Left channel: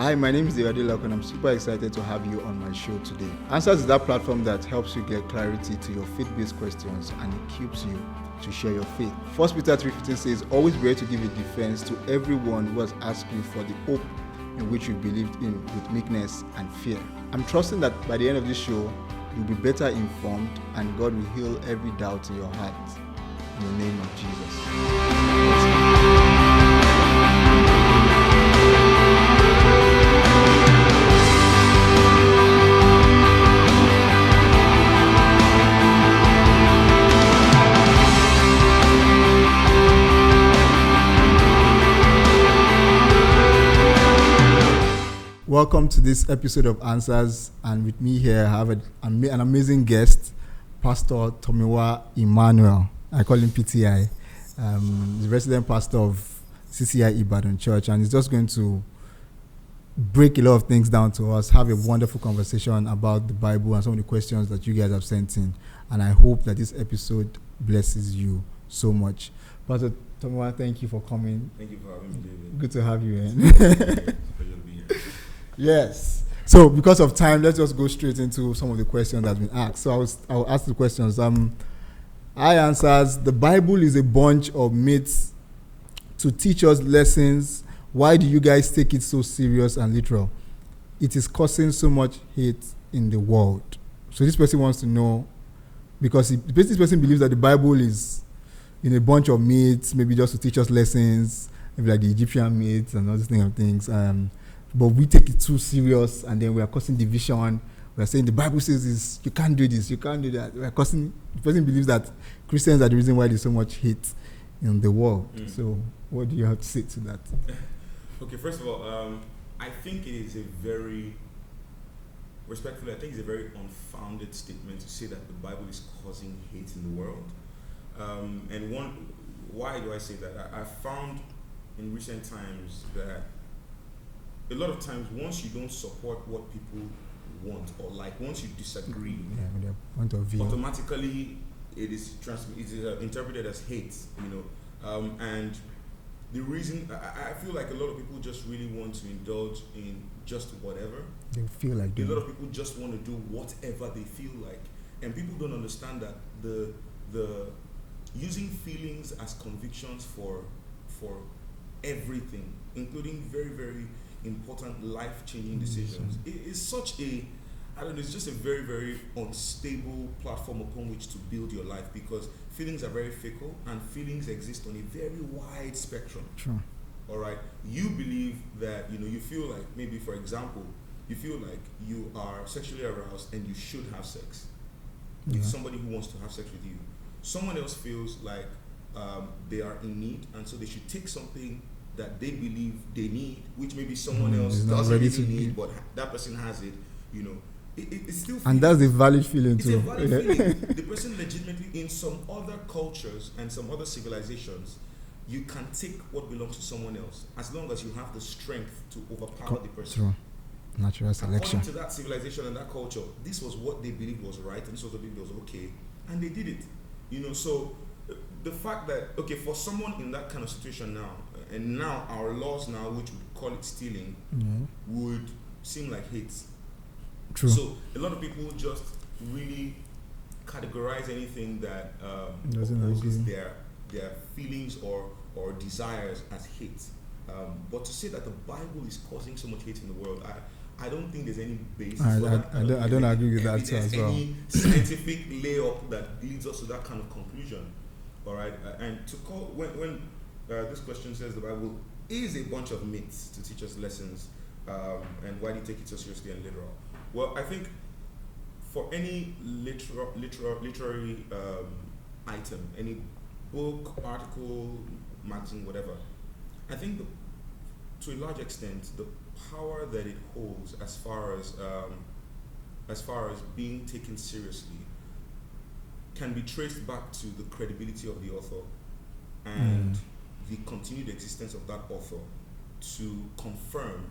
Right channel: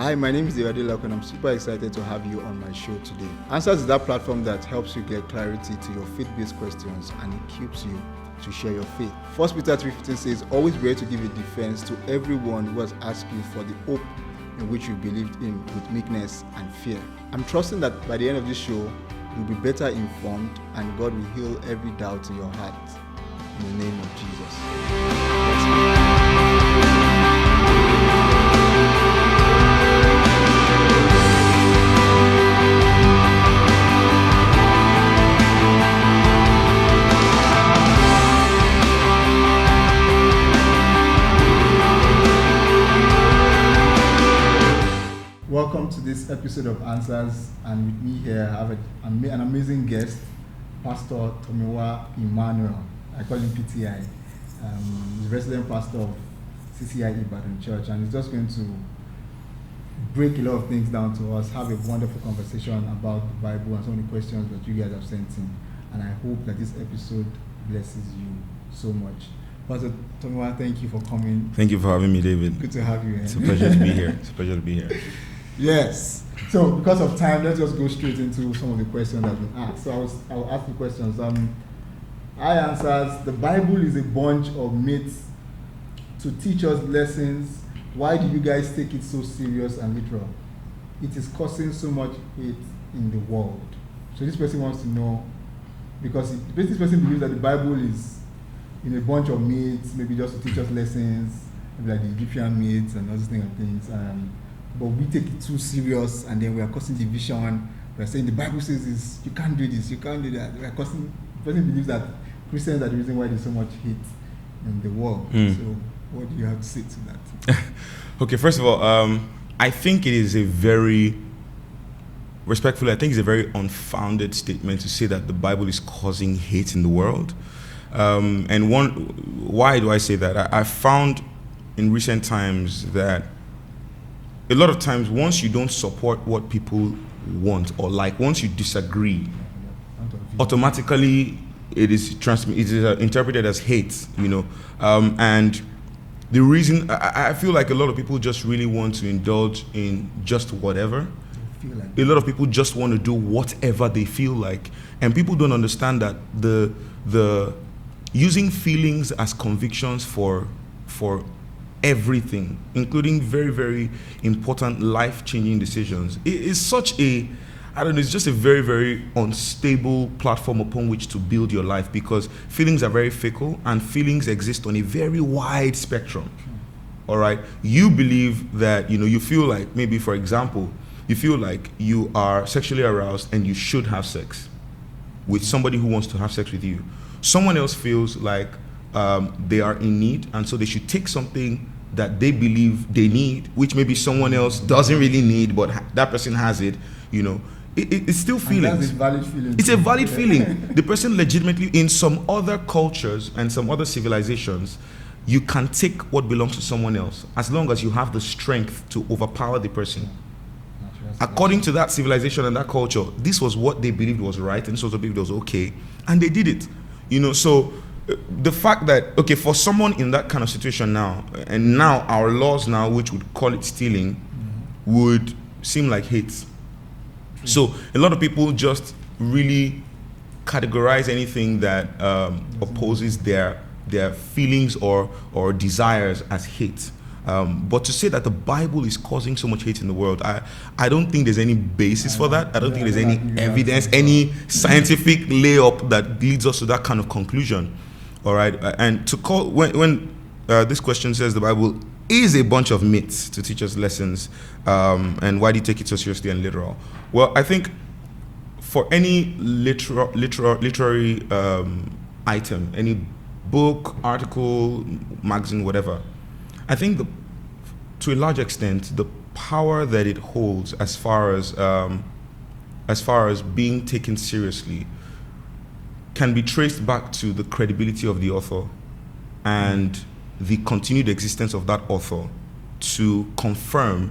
Hi, my name is David, and I'm super excited to have you on my show today. Answers is that platform that helps you get clarity to your faith-based questions and equips you to share your faith. 1 Peter 3:15 says, always be ready to give a defense to everyone who has asked you for the hope in which you believed in with meekness and fear. I'm trusting that by the end of this show, you'll be better informed and God will heal every doubt in your heart. In the name of Jesus. Let's go. Welcome to this episode of Answers, and with me here I have an amazing guest, Pastor Tomiwa Immanuel. I call him PTI. He's resident pastor of CCI Ibadan Church, and he's just going to break a lot of things down to us, have a wonderful conversation about the Bible and some of the questions that you guys have sent in. And I hope that this episode blesses you so much. Pastor Tomiwa, thank you for coming. Thank you for having me, David. Good to have you here. It's a pleasure to be here. It's a pleasure to be here. Yes. So because of time, let's just go straight into some of the questions that have been asked. So I'll ask the questions. I answers, the Bible is a bunch of myths to teach us lessons. Why do you guys take it so serious and literal? It is causing so much hate in the world. So this person wants to know, because this person believes that the Bible is in a bunch of myths, maybe just to teach us lessons, maybe like the Egyptian myths and all these things. But we take it too serious, and then we are causing division. We are saying the Bible says this, you can't do this, you can't do that. The person believes that Christians are the reason why there's so much hate in the world. So what do you have to say to that? Okay, first of all, I think it is a very unfounded statement to say that the Bible is causing hate in the world. Why do I say that? I found in recent times that a lot of times, once you don't support what people want or like, once you disagree, automatically it is interpreted as hate, and the reason I feel like a lot of people just really want to indulge in just whatever. A lot of people just want to do whatever they feel like, and people don't understand that the using feelings as convictions for everything, including very, very important life-changing decisions, it is such it's just a very, very unstable platform upon which to build your life, because feelings are very fickle and feelings exist on a very wide spectrum. All right, you believe that, you feel like, maybe for example, you feel like you are sexually aroused and you should have sex with somebody who wants to have sex with you. Someone else feels like they are in need, and so they should take something that they believe they need, which maybe someone else doesn't really need, but that person has it. It's still feelings. And that's a valid feeling. It's a valid feeling. The person legitimately, in some other cultures and some other civilizations, you can take what belongs to someone else as long as you have the strength to overpower the person. According to that civilization and that culture, this was what they believed was right, and this was what they believed was okay, and they did it. So the fact that, okay, for someone in that kind of situation now, and now our laws now, which would call it stealing, would seem like hate. True. So a lot of people just really categorize anything that opposes their feelings or desires as hate. But to say that the Bible is causing so much hate in the world, I don't think there's any basis for that. I don't think there's any evidence, any scientific layup that leads us to that kind of conclusion. All right, and to call when this question says the Bible is a bunch of myths to teach us lessons, and why do you take it so seriously and literal? Well, I think for any literary item, any book, article, magazine, whatever, I think to a large extent the power that it holds as far as being taken seriously can be traced back to the credibility of the author and the continued existence of that author to confirm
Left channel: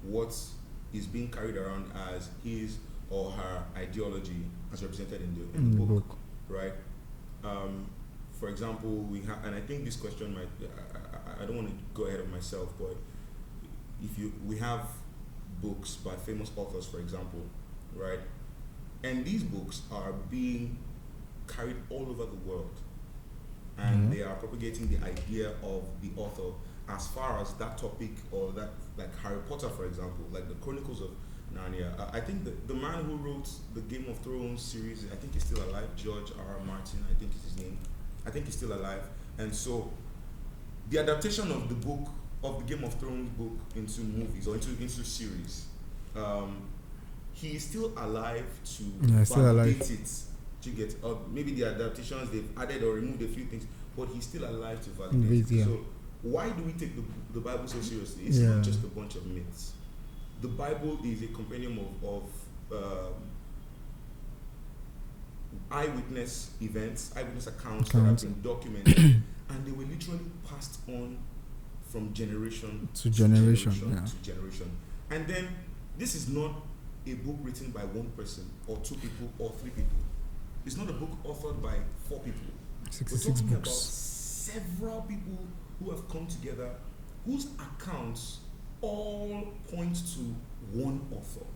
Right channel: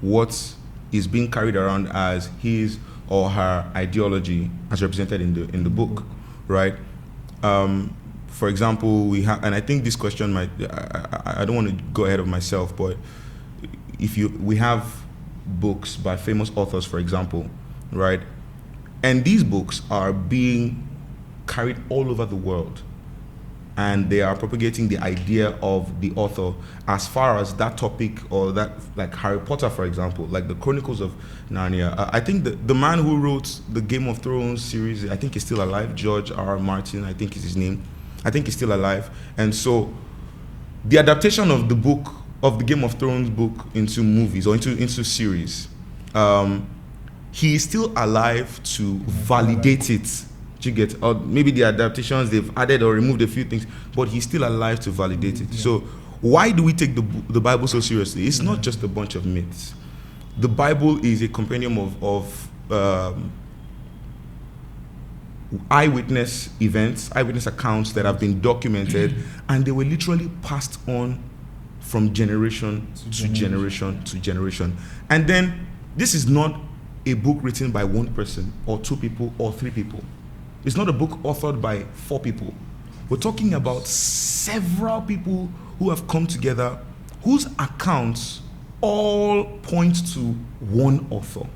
what is being carried around as his or her ideology as represented in the book, right? For example, we have, and I think this question might, I don't want to go ahead of myself, but we have books by famous authors, for example, right? And these books are being carried all over the world. And they are propagating the idea of the author as far as that topic, or that, like Harry Potter, for example, like the Chronicles of Narnia. I think the man who wrote the Game of Thrones series, I think he's still alive. George R. Martin, I think is his name. I think he's still alive. And so the adaptation of the book, of the Game of Thrones book, into movies or into series, he is still alive to validate it. You get, or maybe the adaptations, they've added or removed a few things, but he's still alive to validate it. So why do we take the Bible so seriously? It's not just a bunch of myths. The Bible is a compendium of eyewitness events, eyewitness accounts that have been documented, and they were literally passed on from generation to generation. And then this is not a book written by one person or two people or three people. It's not a book authored by 4 people. We're talking about several people who have come together, whose accounts all point to one author,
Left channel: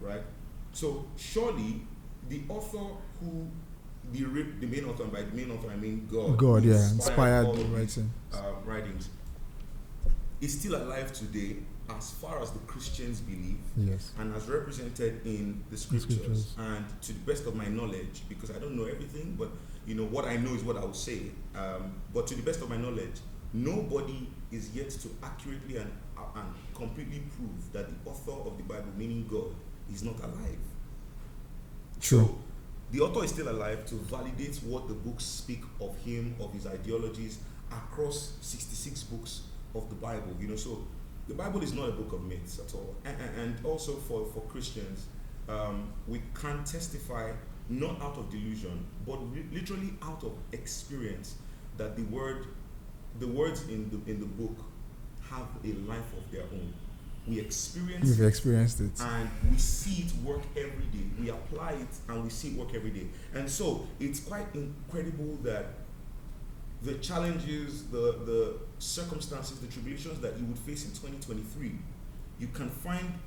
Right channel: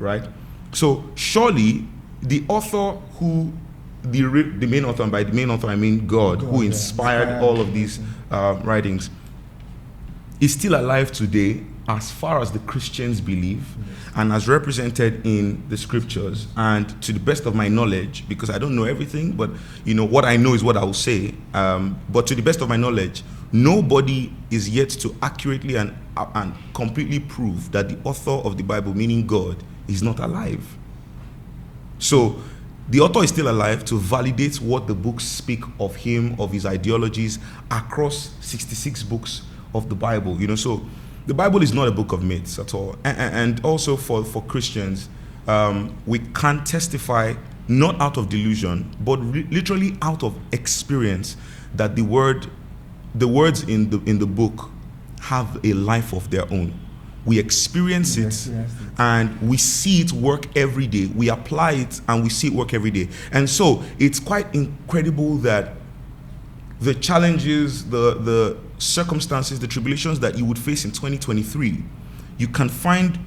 right? So surely the author who, the main author, and by the main author I mean God who inspired all of these writings, is still alive today, as far as the Christians believe, and as represented in the scriptures. And to the best of my knowledge, because I don't know everything, but what I know is what I will say. But to the best of my knowledge, nobody is yet to accurately and completely prove that the author of the Bible, meaning God, is not alive. So the author is still alive to validate what the books speak of him, of his ideologies, across 66 books of the Bible. So the Bible is not a book of myths at all. And also for Christians, we can testify not out of delusion, but literally out of experience, that the words in the book have a life of their own. We experience it, and we see it work every day. We apply it and we see it work every day. And so it's quite incredible that the challenges, the circumstances, the tribulations that you would face in 2023, you can find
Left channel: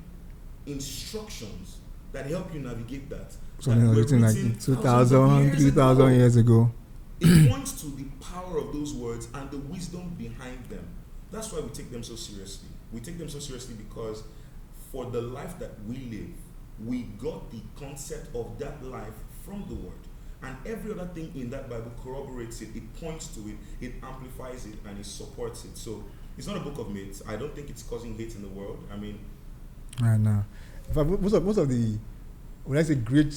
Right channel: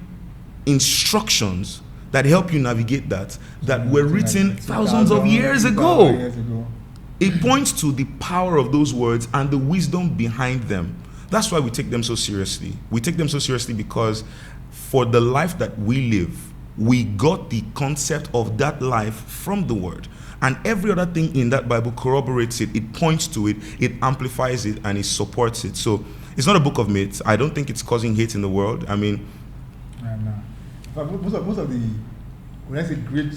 instructions that help you navigate that were written thousands of years ago. It points to the power of those words and the wisdom behind them. That's why we take them so seriously. We take them so seriously because for the life that we live, we got the concept of that life from the word. And every other thing in that Bible corroborates it, it points to it, it amplifies it, and it supports it. So it's not a book of myths. I don't think it's causing hate in the world. I mean, I know. Most of the, when I say great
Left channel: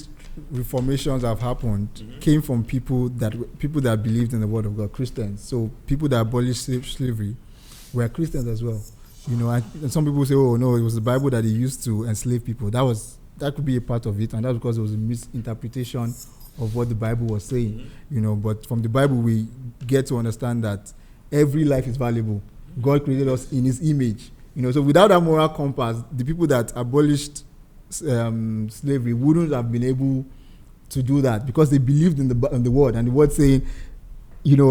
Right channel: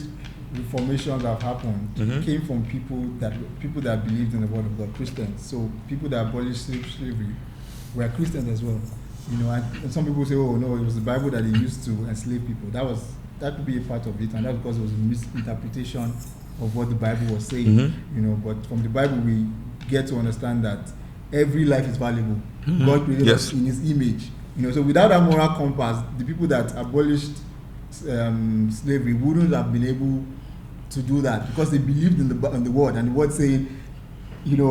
reformations that have happened, came from people that believed in the word of God, Christians. So people that abolished slavery were Christians as well. And some people say, oh no, it was the Bible that they used to enslave people. That could be a part of it, and that's because it was a misinterpretation of what the Bible was saying, but from the Bible we get to understand that every life is valuable. God created us in his image, so without that moral compass, the people that abolished slavery wouldn't have been able to do that, because they believed in the word, and the word saying,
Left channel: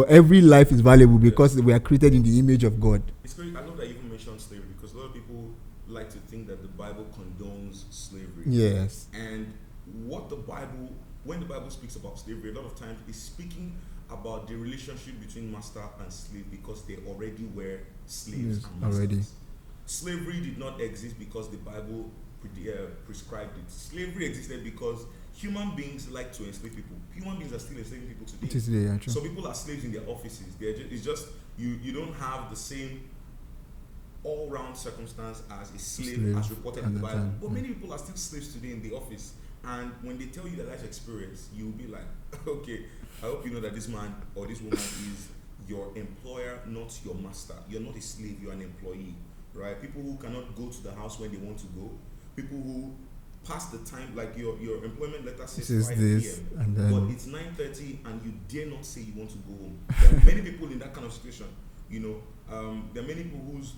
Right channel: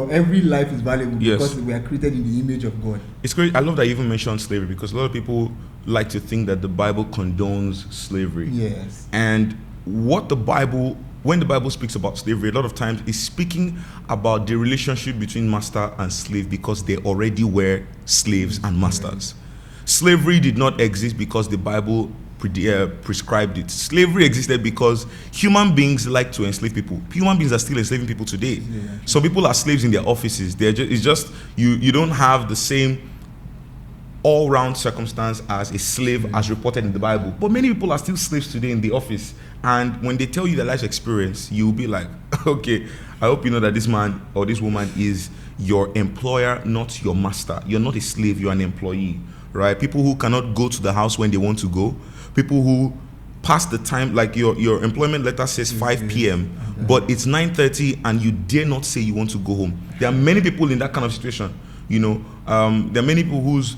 every life is valuable because we are created in the image of God. It's great. I love that you even mentioned slavery, because a lot of people like to think that the Bible condones slavery. Yes. And when the Bible speaks about slavery, a lot of times it's speaking about the relationship between master and slave, because they already were slaves and masters. Slavery did not exist because the Bible prescribed it. Slavery existed because human beings like to enslave people. Human beings are still enslaving people today. Some people are slaves in their offices. It's just you don't have the same all-round circumstance as a slave as reported in the Bible. But many people are still slaves today in the office. And when they tell you their life experience, you'll be like, okay, I hope you know that this man or this woman is your employer, not your master. You're not a slave, you're an employee, right? People who cannot go to the house when they want to go. People who pass the time, like your employment letter says 5 p.m., but it's 9:30 and you dare not say you want to go home. There are many people in that kind of situation, There are many people whose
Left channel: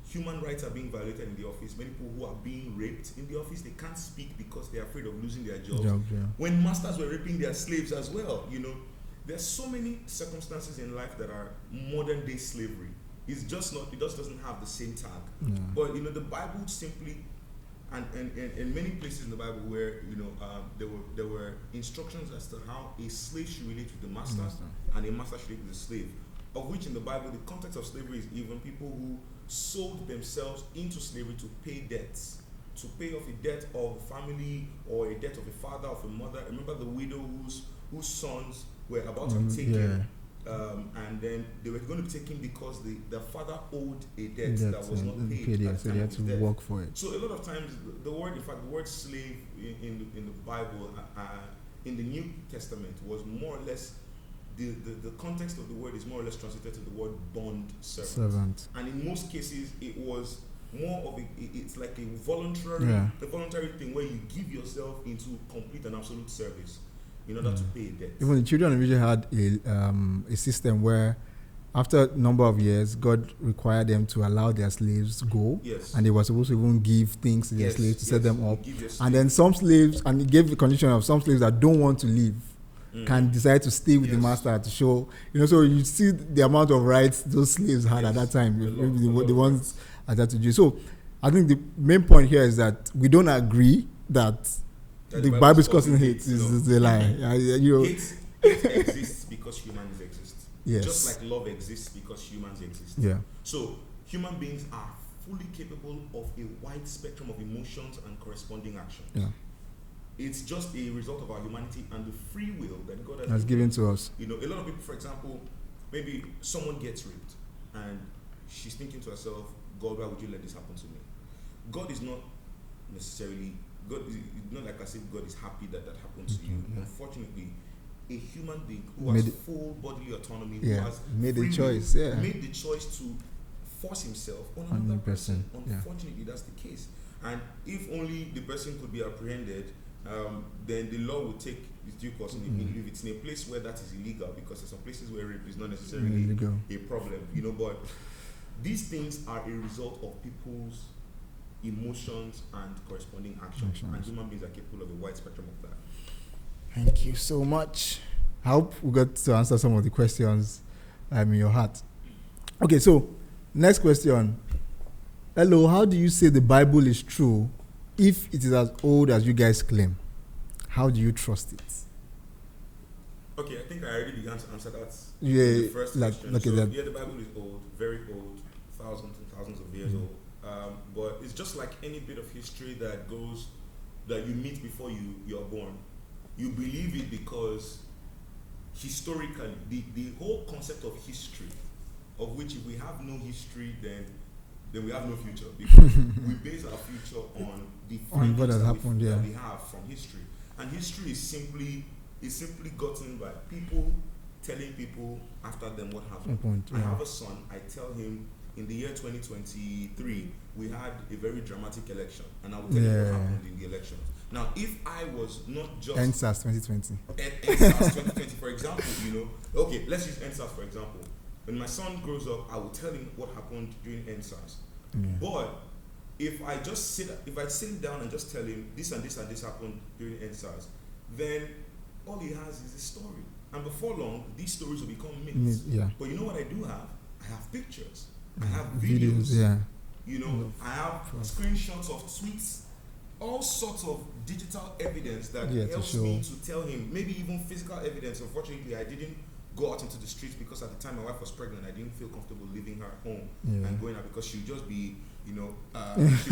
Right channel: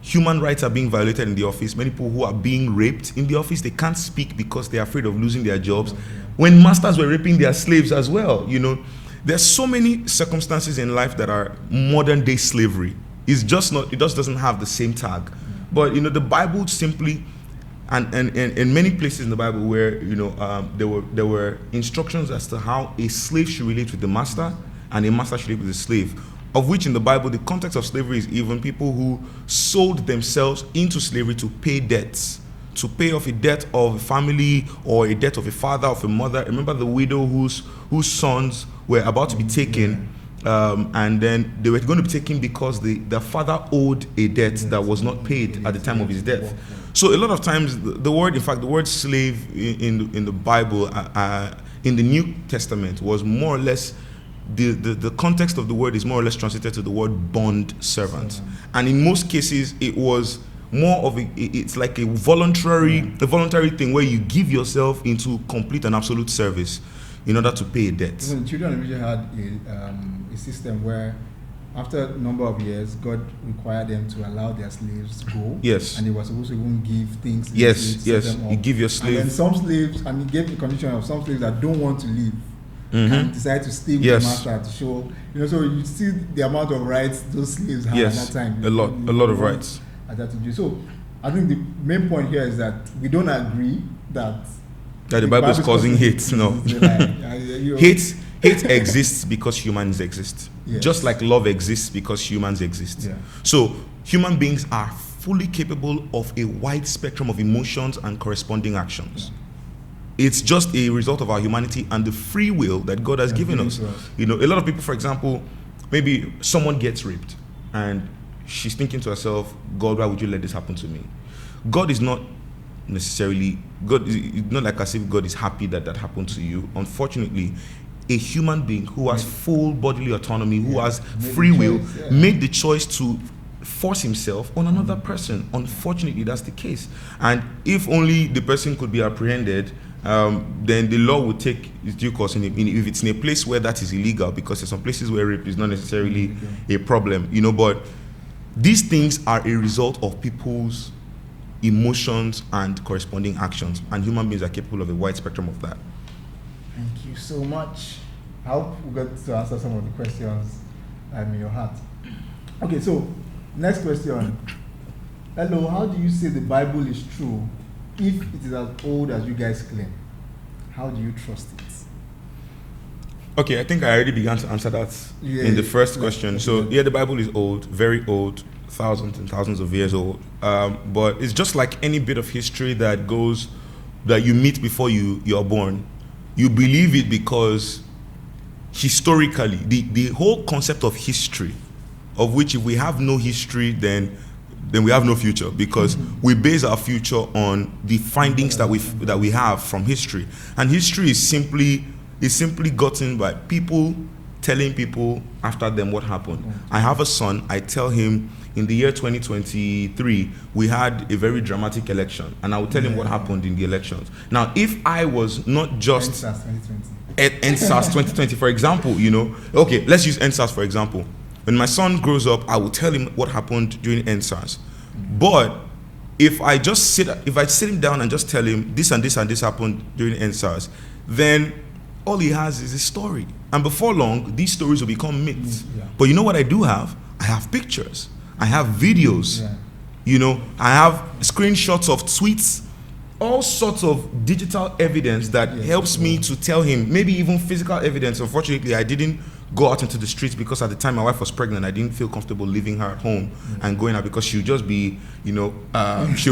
human rights are being violated in the office. Many people who are being raped in the office, they can't speak because they're afraid of losing their jobs. When masters were raping their slaves as well, There's so many circumstances in life that are modern day slavery. It just doesn't have the same tag. But the Bible simply, and in many places in the Bible where there were instructions as to how a slave should relate with the master and a master should relate with the slave. Of which in the Bible, the context of slavery is even people who sold themselves into slavery to pay debts, to pay off a debt of a family or a debt of a father, of a mother. Remember the widow whose sons were about to be taken, and then they were going to be taken because the father owed a debt that was not paid at the time of his death. So a lot of times the word slave in the Bible, in the New Testament, was more or less, the context of the word is more or less translated to the word bond servant. And in most cases it was more of it's like a voluntary thing where you give yourself into complete and absolute service in order to pay a debt. Even the children of Israel had a system where after a number of years, God required them to allow their slaves to go. Yes. And they were supposed to even give things to the slaves, set them up. You give your slave. And then some slaves, and he gave the condition of some slaves that don't want to leave, can decide to stay with the master to show, so you see the amount of rights those slaves had at that time. A lot of rights. That to do. So I think the main point here is that we don't agree that the Bible is causing hate. No. Hate exists because humans exist. Yes. Just like love exists because humans exist. Yeah. So human beings are fully capable of a wide spectrum of emotions and corresponding actions. Yeah. It's just a result of our humanity and the free will that God has given us. A lot of people, for example, maybe someone gets raped and she's thinking to herself, God, why would you let this happen to me? God is not necessarily, it's not like as if God is happy that happened to you. Unfortunately, a human being who has full bodily autonomy, who has free will, made the choice to force himself on another person. Unfortunately, that's the case. And if only the person could be apprehended, then the law would take its due course if it's in a place where that is illegal, because there's some places where rape is not necessarily a problem, but these things are a result of people's emotions and corresponding actions, and human beings are capable of a wide spectrum of that. Thank you so much. I hope we got to answer some of the questions in your heart. Okay, so next question. Hello, how do you say the Bible is true if it is as old as you guys claim? How do you trust it? Okay, I think I already began to answer that in the first question. The Bible is old, very old, thousands and thousands of years old. But it's just like any bit of history that you meet before you're born. You believe it because historically, the whole concept of history, of which if we have no history, then we have no future, because we base our future on the findings that we have from history. And history is simply gotten by people telling people after them what happened. I have a son, I tell him in the year 2023, we had a very dramatic election, and I will tell him what happened in the elections. Now, if I was not just EndSARS 2020, for example, okay, let's use EndSARS for example. When my son grows up, I will tell him what happened during EndSARS. But if I sit him down and just tell him this and this and this happened during EndSARS, then all he has is a story. And before long, these stories will become myths. But you know what I do have? I have pictures. I have videos. I have screenshots of tweets, all sorts of digital evidence that helps me to tell him, maybe even physical evidence. Unfortunately, I didn't go out into the streets because at the time my wife was pregnant. I didn't feel comfortable leaving her at home and going out, because she'll just be, she'll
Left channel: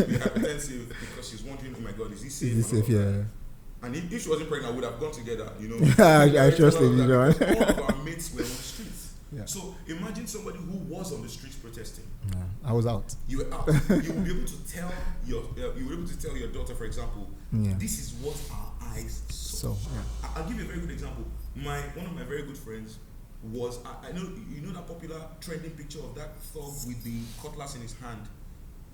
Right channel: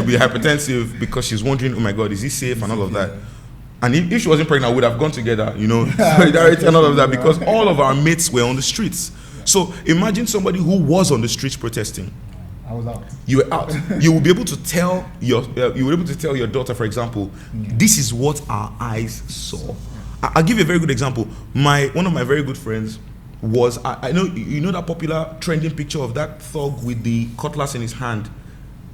be hypertensive because she's wondering, oh my God, is he safe and all of that. And if she wasn't pregnant, we would have gone together, solidarity and all of that, because all of our mates were on the streets. So imagine somebody who was on the streets protesting. I was out. You were out. You will be able to tell your daughter, for example, this is what our eyes saw. I'll give you a very good example. One of my very good friends was, I know that popular trending picture of that thug with the cutlass in his hand.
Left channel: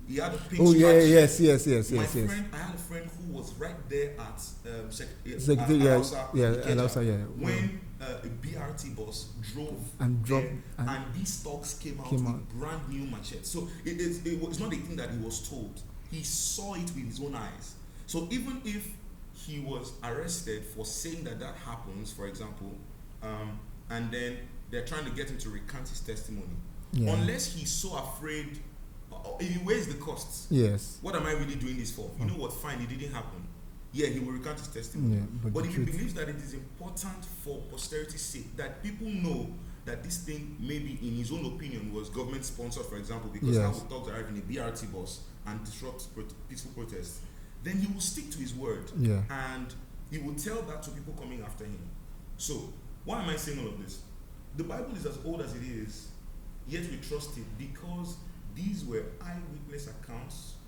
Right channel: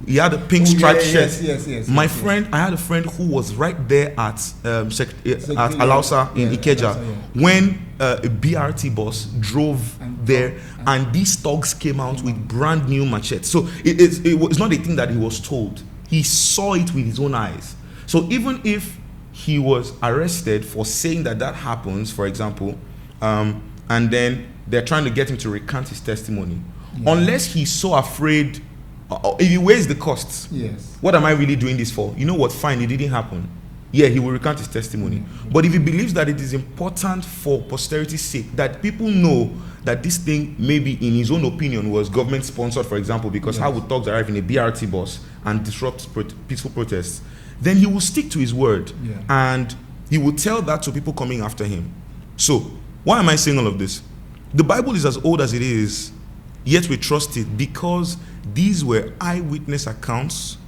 He had a pink striped shirt. Yes. I had a friend who was right there at Alausa in Ikeja when a BRT bus drove there, and these thugs came out with brand new machetes. So it was not a thing that he was told. He saw it with his own eyes. So even if he was arrested for saying that happens, for example, and then they're trying to get him to recant his testimony, unless he's so afraid if he weighs the costs, Yes. what am I really doing this for? You know what? Fine, it didn't happen. Yeah, he will recount his testimony. But if he believes that it is important for posterity's sake, that people know that this thing, maybe in his own opinion, was government sponsored, for example, because how would thugs arrive in a BRT bus and disrupt peaceful protests, then he will stick to his word. Yeah. And he will tell that to people coming after him. So, why am I saying all of this? The Bible is as old as it is, yet we trust it because these were eyewitness accounts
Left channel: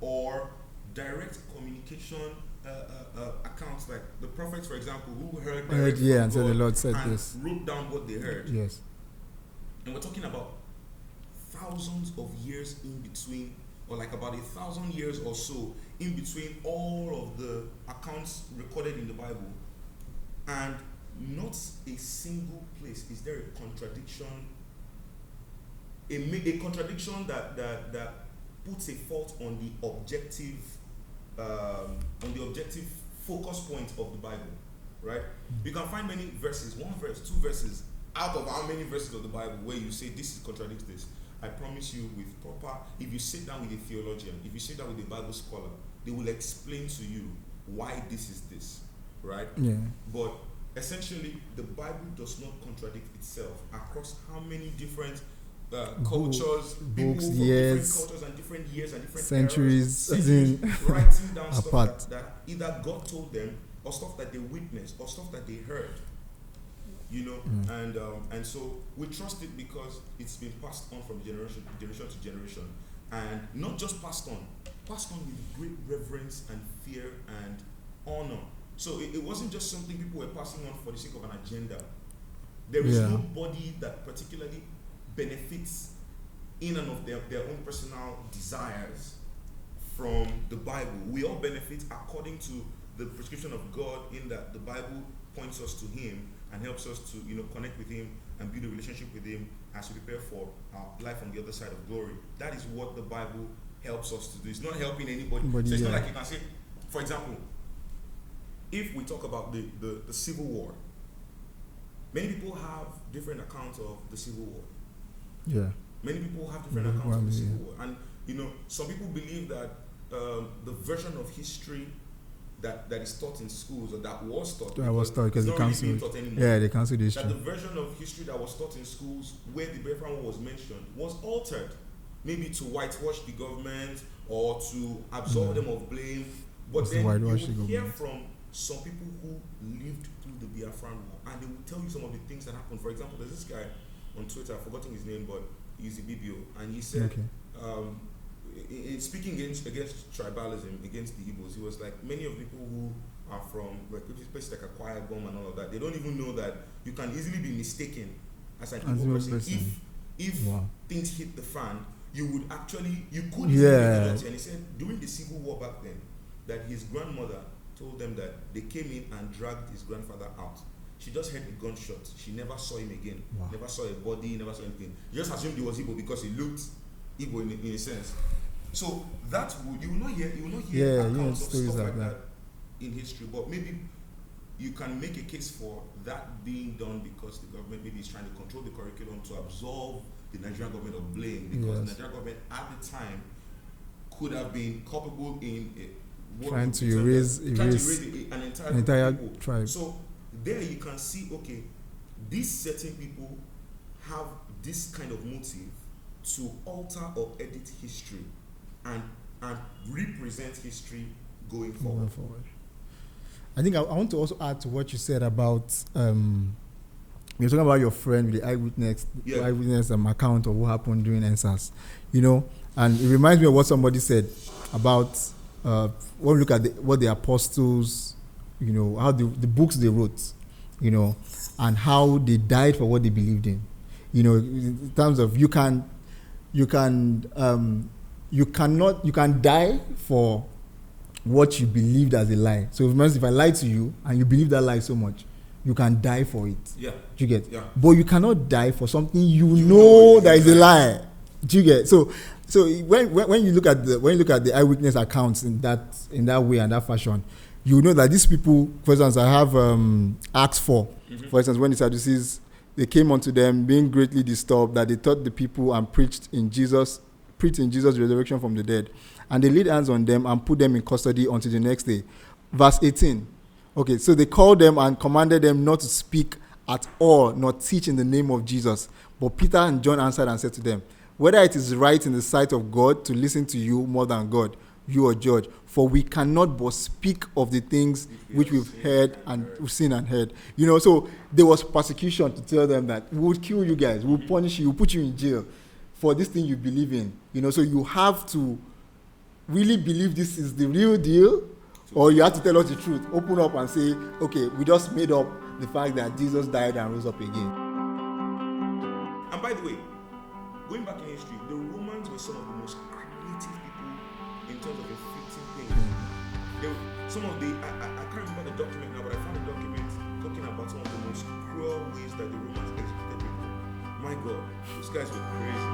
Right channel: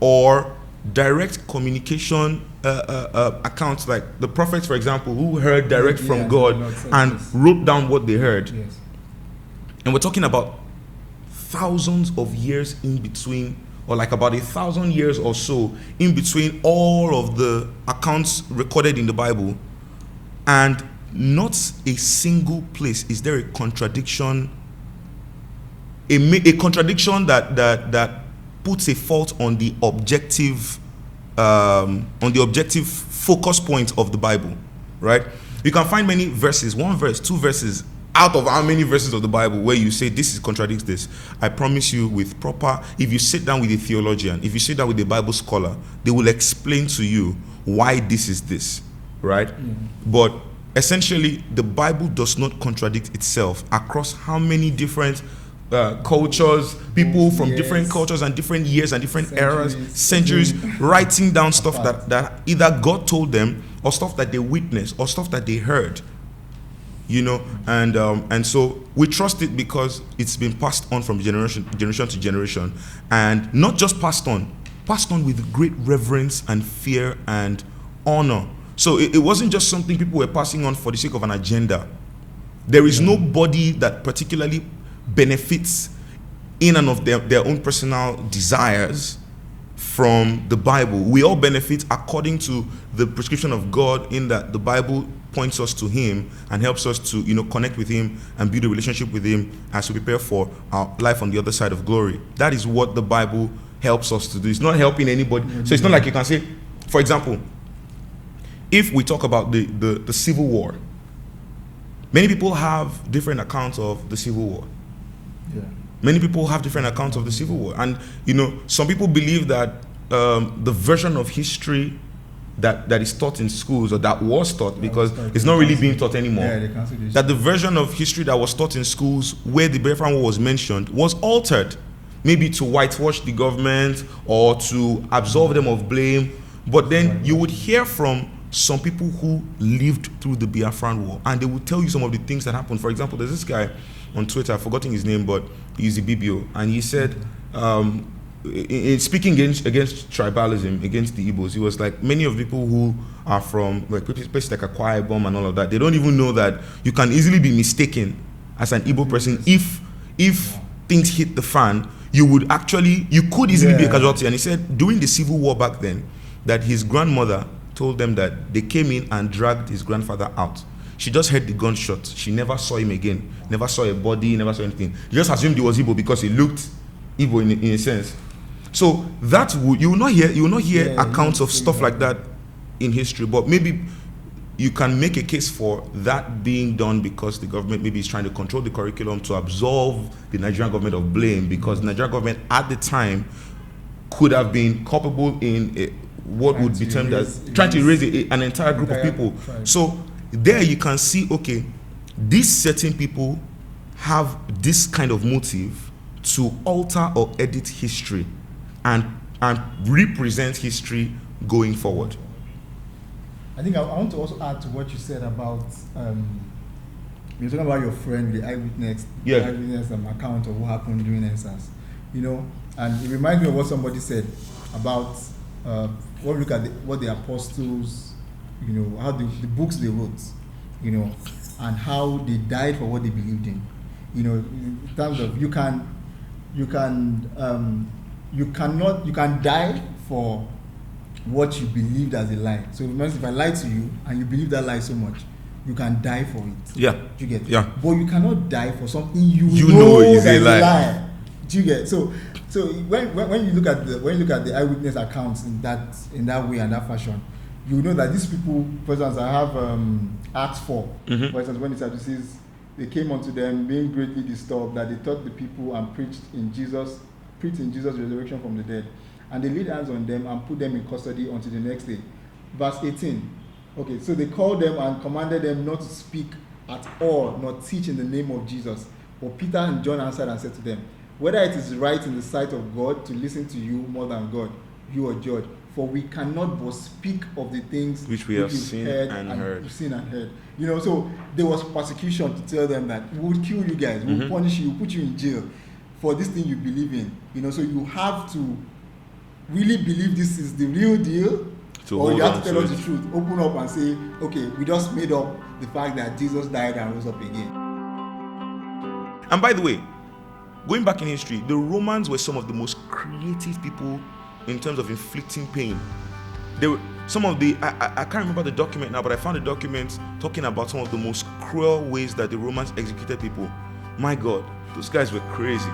or direct communication accounts, like the prophets, for example, who heard direct from God and wrote down what they heard. Yes. And we're talking about thousands of years in between, or like about 1,000 years or so in between all of the accounts recorded in the Bible. And not a single place is there a contradiction, a contradiction that puts a fault on the objective focus point of the Bible, right? You can find many verses, one verse, two verses, out of how many verses of the Bible where you say this contradicts this. I promise you, with proper, if you sit down with a theologian, if you sit down with a Bible scholar, they will explain to you why this is this, right? Yeah. But essentially, the Bible does not contradict itself across how many different cultures, people from different cultures and different years and different centuries, writing down stuff that either God told them or stuff that they witnessed or stuff that they heard, you know. And so we trust it because it's been passed on from generation to generation, and not just passed on with great reverence and fear and honor. So it wasn't just something people were passing on for the sake of an agenda. There is nobody that particularly benefits in and of their own personal desires from the Bible. We all benefit according to the prescription of God, in that the Bible points us to him and helps us to, you know, connect with him and build a relationship with him as we prepare for our life on the other side of glory. That is what the Bible helps us to do. It's not helping anybody. So it's not like you can say, for example, if we talk about the Civil War, many people have different accounts of the Civil War. Yeah. Many people have different accounts of the Civil War. And, you know, some people believe that the version of history that is taught in schools, or that was taught, because it's not really being taught anymore, that the version of history that was taught in schools where the Biafran War was mentioned was altered, maybe to whitewash the government or to absolve them of blame. But then you would hear from some people who lived through the Biafran War, and they would tell you some of the things that happened. For example, there's this guy on Twitter, I've forgotten his name, but he's a BBO, and he said, in speaking against tribalism, against the Igbos, he was like, many of the people who are from like places like Akwa Ibom and all of that, they don't even know that you can easily be mistaken as an Igbo person. If things hit the fan, you could easily be a casualty. And he said during the Civil War back then, that his grandmother told them that they came in and dragged his grandfather out. She just heard the gunshot. She never saw him again. Never saw a body, never saw anything. She just assumed he was Igbo because he looked Igbo in a sense. So that you will not hear accounts of stuff like that in history, but maybe you can make a case for that being done because the government maybe is trying to control the curriculum to absolve the Nigerian government of blame, because the Nigerian government at the time could have been culpable in what would be termed as trying to erase an entire group of people. Tribe. So there you can see, okay, these certain people have this kind of motive to alter or edit history and represent history going forward. I think I want to also add to what you said about you're talking about your friend, the eyewitness account of what happened during NSAS, you know, and it reminds me of what somebody said about when we look at what the apostles, you know, how the books they wrote, you know, and how they died for what they believed in, you know, in terms of you can die for what you believed as a lie. So if I lie to you and you believe that lie so much, you can die for it. Yeah. Do you get? Yeah. But you cannot die for something you know is a lie. Do you get? So when you look at the eyewitness accounts in that way and that fashion, you know that these people, for instance, I have Acts 4. Mm-hmm. For instance, when the Sadducees, they came unto them being greatly disturbed that they taught the people and preached in Jesus preaching Jesus' resurrection from the dead. And they laid hands on them and put them in custody until the next day. Verse 18. Okay, so they called them and commanded them not to speak at all, nor teach in the name of Jesus. But Peter and John answered and said to them, whether it is right in the sight of God to listen to you more than God, you are judge. For we cannot but speak of the things which we've heard and we've seen and heard. You know, so there was persecution to tell them that we will kill you guys, we will punish you, we'll put you in jail for this thing you believe in. You know, so you have to really believe this is the real deal, or you have to tell us the truth. Open up and say, okay, we just made up the fact that Jesus died and rose up again. And by the way, going back in history, the Romans were some of the most creative people in terms of inflicting pain. They were some of the, I can't remember the document now, but I found a document talking about some of the most cruel ways that the Romans executed people. My God, those guys were crazy.